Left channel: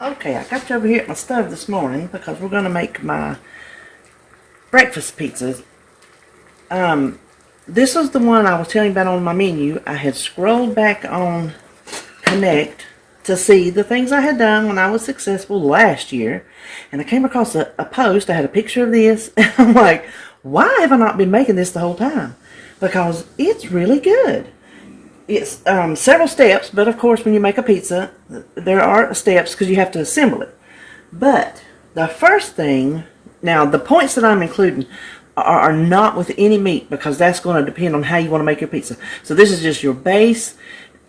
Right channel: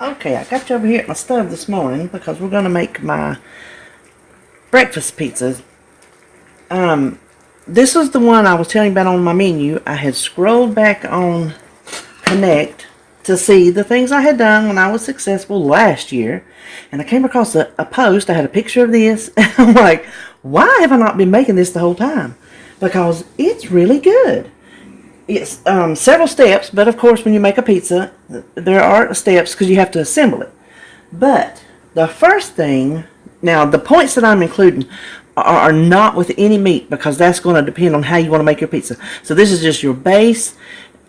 Okay, I got you over here at my stove this morning because we're going to make my breakfast pizzas. This was the one I was telling you about on my menu. I had scrolled back on Connect to see the things I had done when I was successful last year. And I came across a post. I had a picture of this. And I'm like, why have I not been making this the whole time? Because it's really good. It's several steps, but of course when you make a pizza, there are steps because you have to assemble it. But the first thing, now the points that I'm including are not with any meat because that's going to depend on how you want to make your pizza. So this is just your base,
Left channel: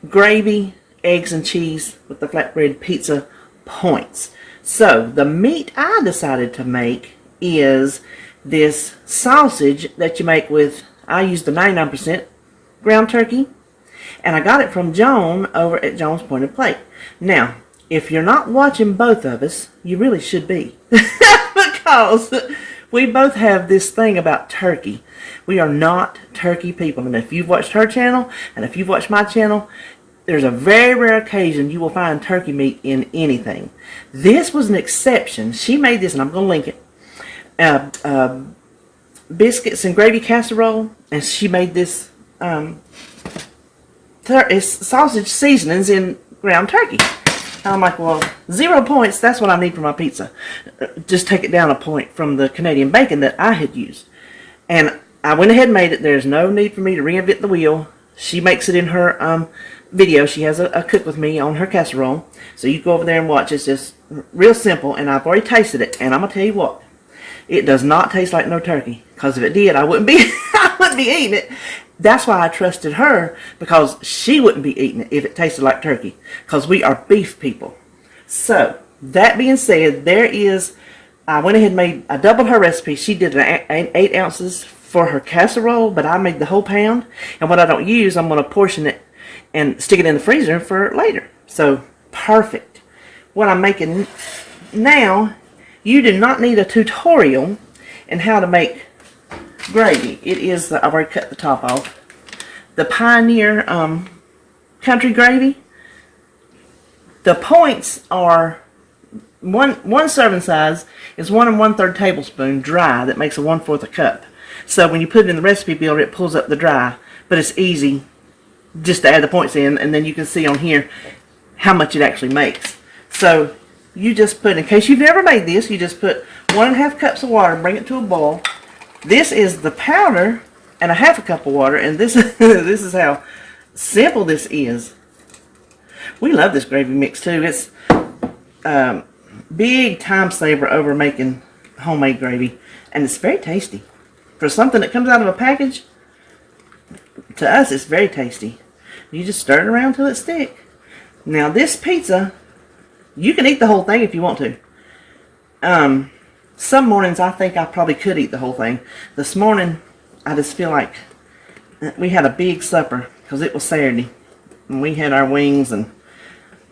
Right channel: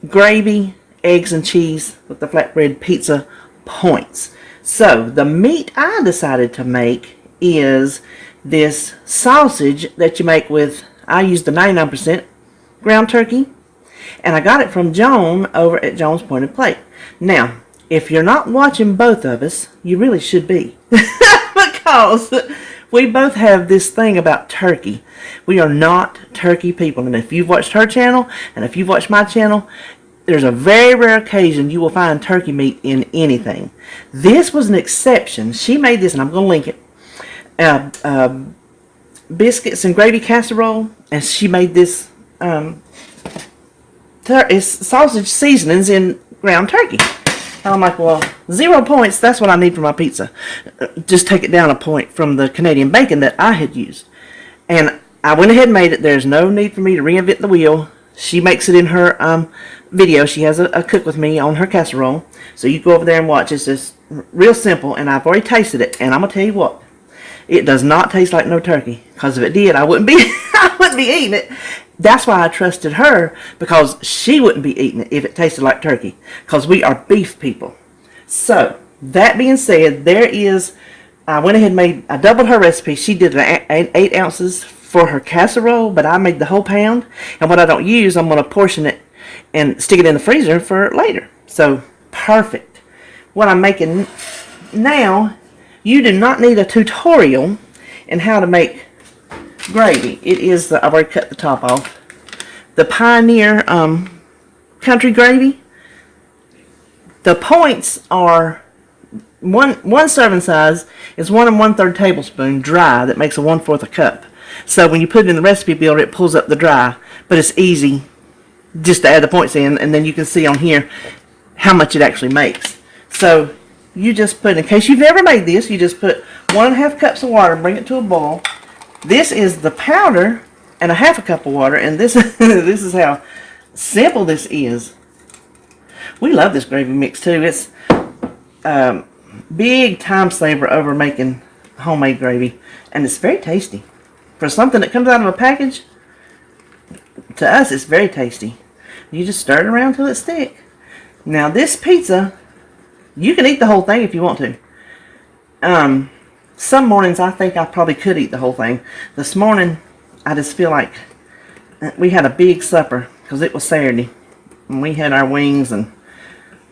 gravy, eggs, and cheese with the flatbread pizza points. So the meat I decided to make is this sausage that you make with, I use the 99% ground turkey. And I got it from Joan over at Joan's Pointed Plate. Now, if you're not watching both of us, you really should be. Because we both have this thing about turkey. We are not turkey people. And if you've watched her channel, and if you've watched my channel, there's a very rare occasion you will find turkey meat in anything. This was an exception. She made this, and I'm going to link it. Biscuits and gravy casserole. And she made this... It's sausage seasonings in ground turkey. I'm like, well, 0 points, that's what I need for my pizza. Just take it down a point from the Canadian bacon that I had used. And I went ahead and made it. There's no need for me to reinvent the wheel. She makes it in her video. She has a cook with me on her casserole. So you go over there and watch. It's just real simple, and I've already tasted it. And I'm going to tell you what, it does not taste like no turkey. Because if it did, I wouldn't be eating it. That's why I trusted her, because she wouldn't be eating it if it tasted like turkey, because we are beef people. So, that being said, I went ahead and I doubled her recipe. She did 8 ounces for her casserole, but I made the whole pound. And what I don't use, I'm going to portion it and stick it in the freezer for later. So, perfect. What I'm making now, you do not need a tutorial in how to make gravy. It is I've already cut the top off. The Pioneer country gravy. The points are one serving size is 1 1/3 tablespoon dry. That makes a 1/4 a cup. So when you put it in the recipe builder, it pulls up the dry. But it's easy just to add the points in, and then you can see on here how much it actually makes. So you just put, in case you've never made this, you just put 1 1/2 cups of water and bring it to a boil. This is the powder and a 1/2 cup of water, and this this is how simple this is. We love this gravy mix too. It's big time saver over making homemade gravy, and it's very tasty. For something that comes out of a package, to us it's very tasty. You just stir it around till it's thick. Now this pizza, you can eat the whole thing if you want to. Some mornings I think I probably could eat the whole thing. This morning I just feel like we had a big supper because it was Saturday. And we had our wings and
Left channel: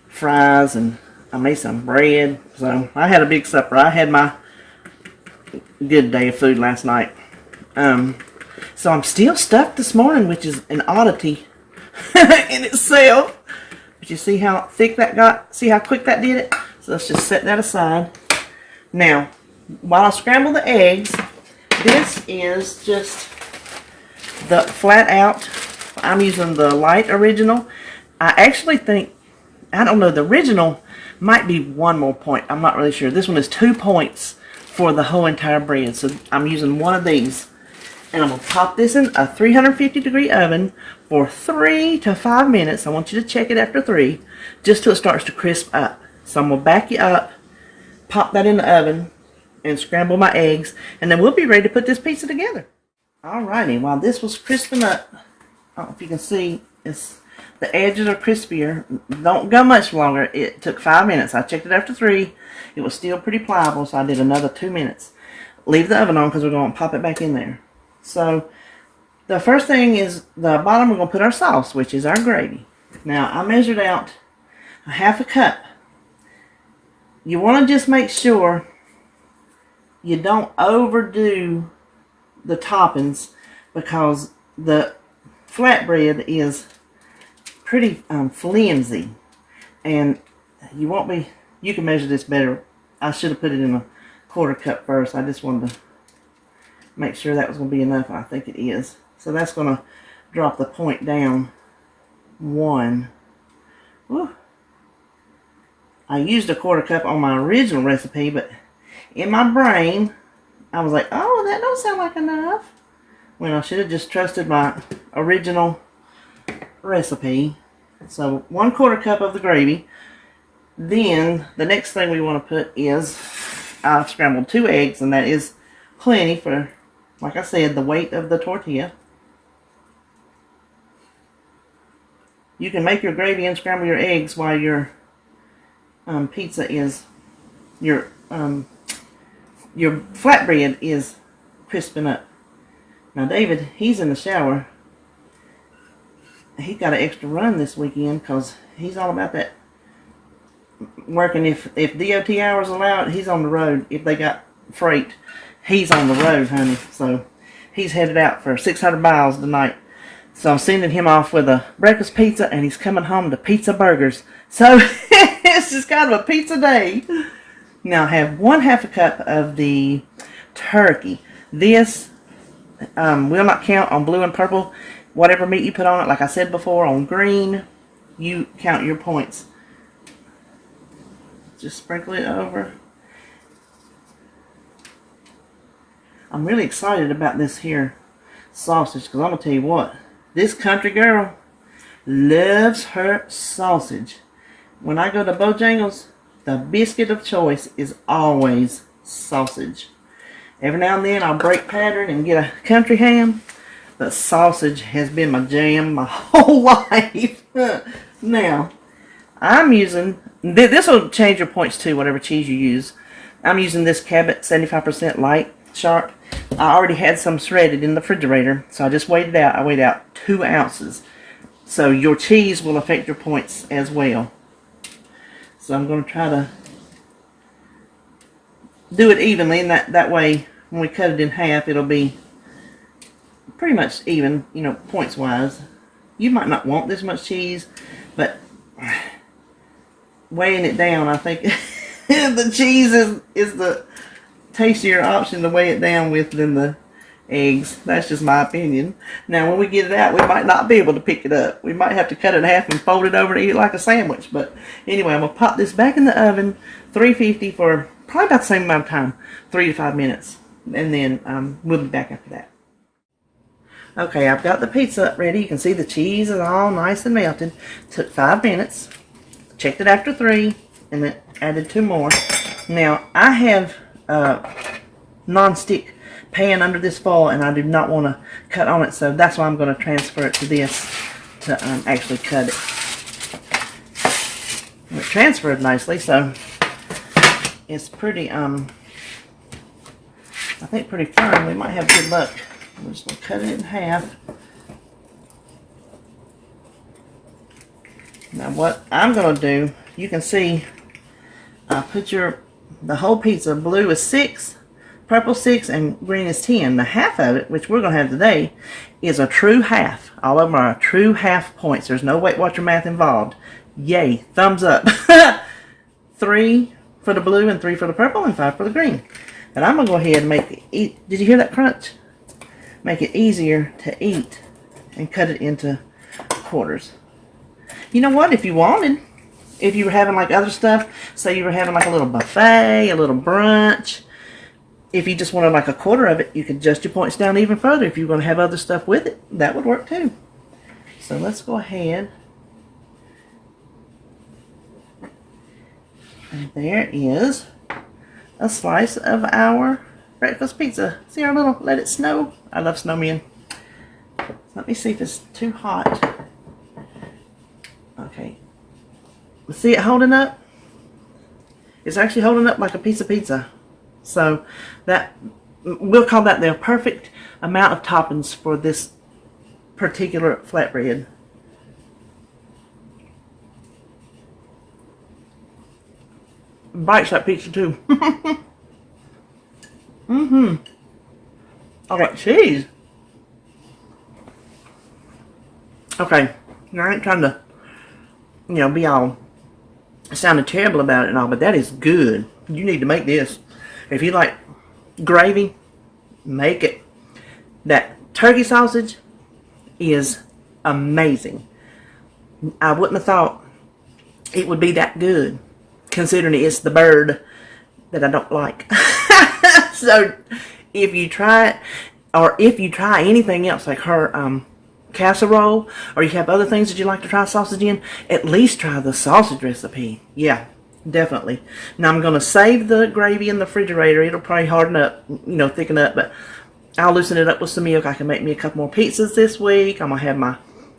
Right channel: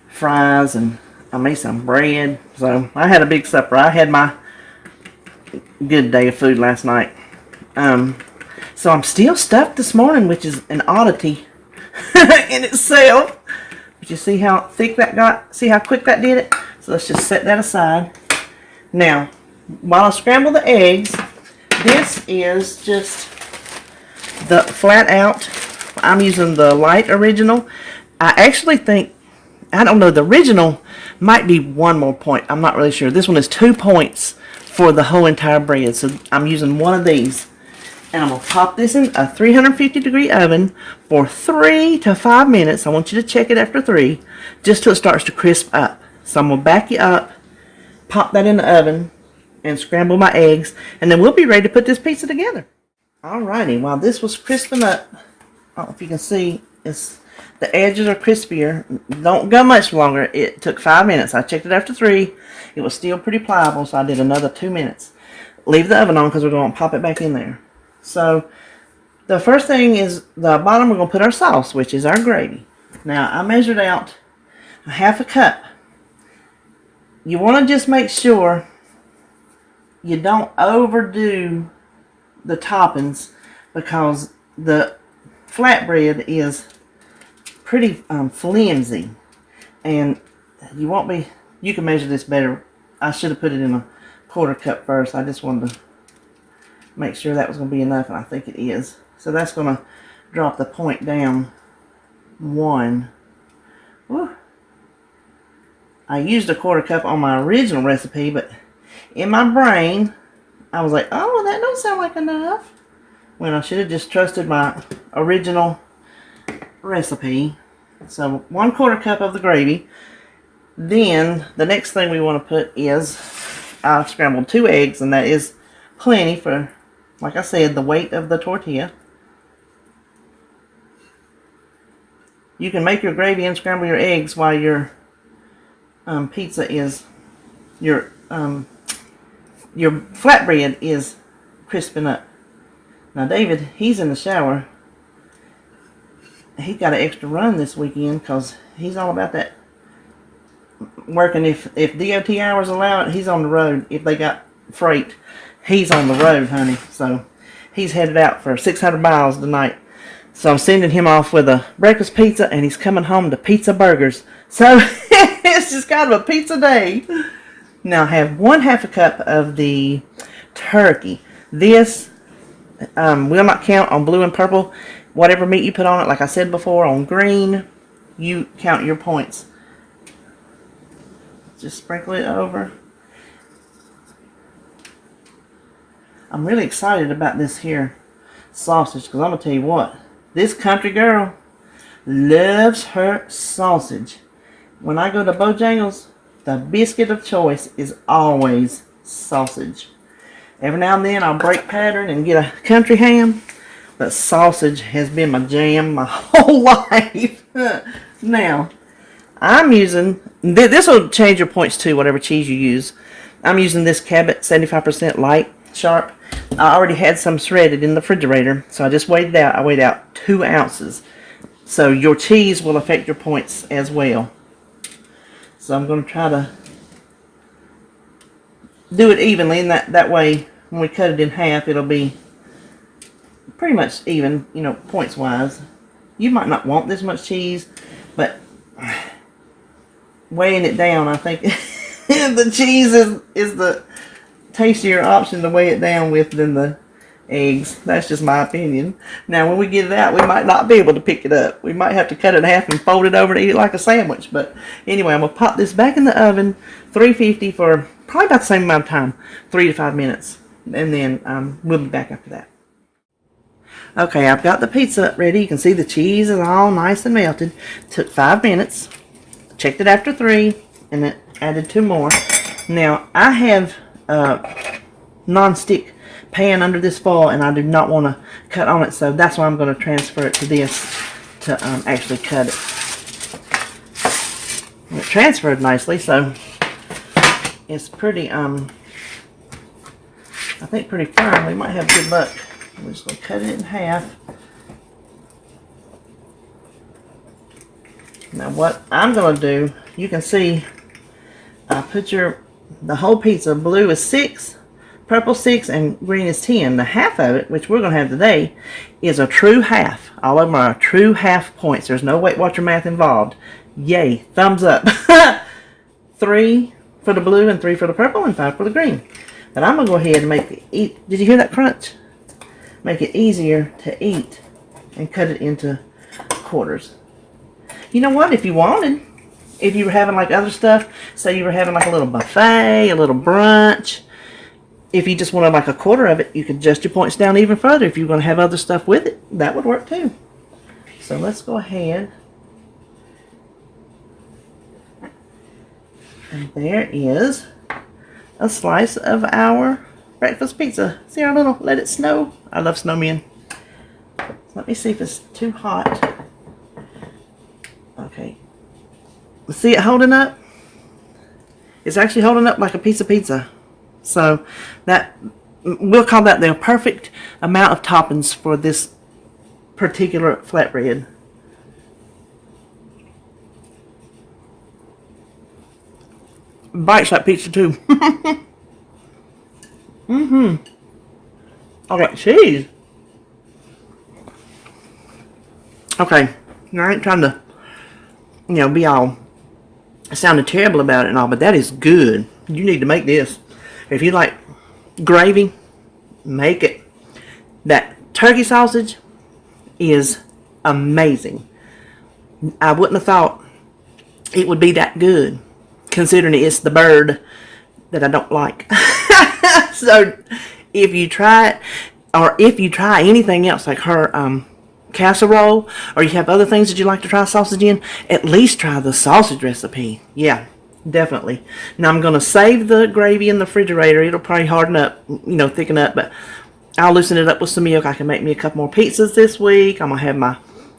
fries, and I made some bread. So I had a big supper. I had my good day of food last night. So I'm still stuffed this morning, which is an oddity in itself. But you see how thick that got? See how quick that did it? So let's just set that aside. Now, while I scramble the eggs, this is just the Flatout. I'm using the light original. I actually think, I don't know, the original might be 1 more point. I'm not really sure. This one is 2 points for the whole entire bread. So I'm using one of these. And I'm going to pop this in a 350 degree oven for 3 to 5 minutes. I want you to check it after 3, just till it starts to crisp up. So I'm going to back you up, pop that in the oven, and scramble my eggs, and then we'll be ready to put this pizza together. Alrighty, while this was crisping up, I don't know if you can see, the edges are crispier. Don't go much longer. It took 5 minutes. I checked it after 3. It was still pretty pliable, so I did another 2 minutes. Leave the oven on because we're going to pop it back in there. So the first thing is the bottom, we're going to put our sauce, which is our gravy. Now I measured out a 1/2 cup. You want to just make sure you don't overdo the toppings, because the flatbread is pretty flimsy, and you won't be You can measure this better. I should have put it in a 1/4 cup first. I just wanted to make sure that was going to be enough, and I think it is. So that's going to drop the point down 1. Whew. I used a 1/4 cup on my original recipe, but in my brain, I was like, oh, that don't sound like enough. When I should have just trusted my original recipe. So 1/4 cup of the gravy. Then the next thing we want to put is, I've scrambled 2 eggs, and that is plenty for, like I said, the weight of the tortilla. You can make your gravy and scramble your eggs while your pizza is, your flatbread is crisping up. Now David, he's in the shower. He got an extra run this weekend because he's all about that working. If DOT hours allow it, he's on the road. If they got freight, he's on the road, honey. So he's headed out for 600 miles tonight. So I'm sending him off with a breakfast pizza, and he's coming home to pizza burgers. So it's just kind of a pizza day. Now I have 1/2 cup of the turkey. This will not count on blue and purple. Whatever meat you put on it, like I said before, on green, you count your points. Just sprinkle it over. I'm really excited about this here sausage, because I'm going to tell you what, this country girl loves her sausage. When I go to Bojangles, the biscuit of choice is always sausage. Every now and then I'll break pattern and get a country ham, but sausage has been my jam my whole life. Now, I'm using, this will change your points too, whatever cheese you use. I'm using this Cabot 75% light sharp. I already had some shredded in the refrigerator, so I just weighed it out. I weighed out 2 ounces. So your cheese will affect your points as well. So I'm going to try to do it evenly, and that way when we cut it in half, it'll be pretty much even, you know, points wise. You might not want this much cheese, but weighing it down, I think the cheese is the tastier option to weigh it down with than the eggs. That's just my opinion. Now when we get it out, we might not be able to pick it up. We might have to cut it in half and fold it over to eat it like a sandwich. But anyway, I'm going to pop this back in the oven, 350 for probably about the same amount of time, 3 to 5 minutes. And then we'll be back after that. Okay, I've got the pizza ready. You can see the cheese is all nice and melted. Took 5 minutes. Checked it after 3, and then added 2 more. Now, I have a non-stick pan under this foil, and I do not want to cut on it, so that's why I'm going to transfer it to this to actually cut it. And it transferred nicely, so it's pretty, I think pretty firm. We might have good luck. We're just going to cut it in half. Now what I'm going to do, you can see I put the whole pizza, blue is 6, purple 6, and green is 10. The half of it, which we're going to have today, is a true half. All of them are true half points. There's no Weight Watcher math involved. Yay, thumbs up. 3 for the blue and 3 for the purple and 5 for the green. But I'm going to go ahead and make it, did you hear that crunch? Make it easier to eat and cut it into quarters. You know what, if you wanted, if you were having like other stuff, say you were having like a little buffet, a little brunch, if you just wanted like a quarter of it, you could adjust your points down even further. If you're going to have other stuff with it, that would work too. So let's go ahead. And there is a slice of our breakfast pizza. See our little let it snow? I love snowmen. So let me see if it's too hot. Okay. See it holding up? It's actually holding up like a piece of pizza. So that, we'll call that the perfect amount of toppings for this particular flatbread. Bites like pizza too. Mm-hmm. I got cheese. Okay. I ain't trying to, be all I sounded terrible about it and all, but that is good. You need to make this. If you like gravy, make it. That turkey sausage is amazing. I wouldn't have thought it would be that good, considering it's the bird that I don't like. So if you try it, or if you try anything else like her casserole, or you have other things that you like to try sausage in, at least try the sausage recipe. Yeah, definitely. Now I'm going to save the gravy in the refrigerator. It'll probably harden up, thicken up, but I'll loosen it up with some milk. I can make me a couple more pizzas this week. I'm going to have my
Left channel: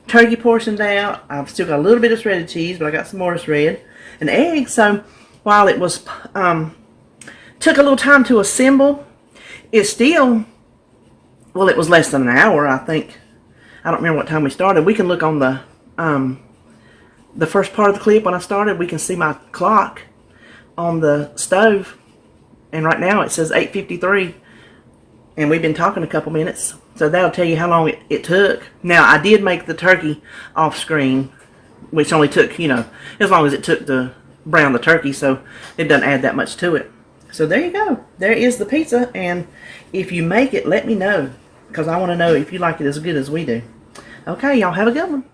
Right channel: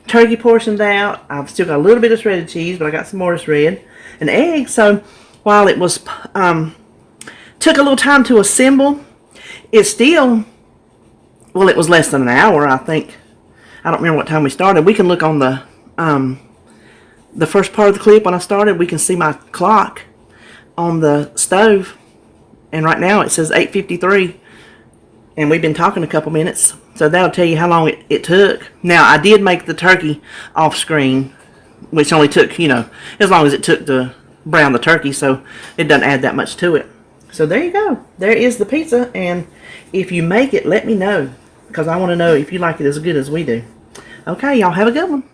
turkey portioned out. I've still got a little bit of shredded cheese, but I got some more shred and eggs. So while it was took a little time to assemble, it still, well, it was less than an hour, I think. I don't remember what time we started. We can look on the first part of the clip when I started. We can see my clock on the stove, and right now it says 8:53, and we've been talking a couple minutes, so that'll tell you how long it took. Now, I did make the turkey off screen, which only took, as long as it took to brown the turkey, so it doesn't add that much to it. So there you go. There is the pizza, and if you make it, let me know, because I want to know if you like it as good as we do. Okay, y'all have a good one.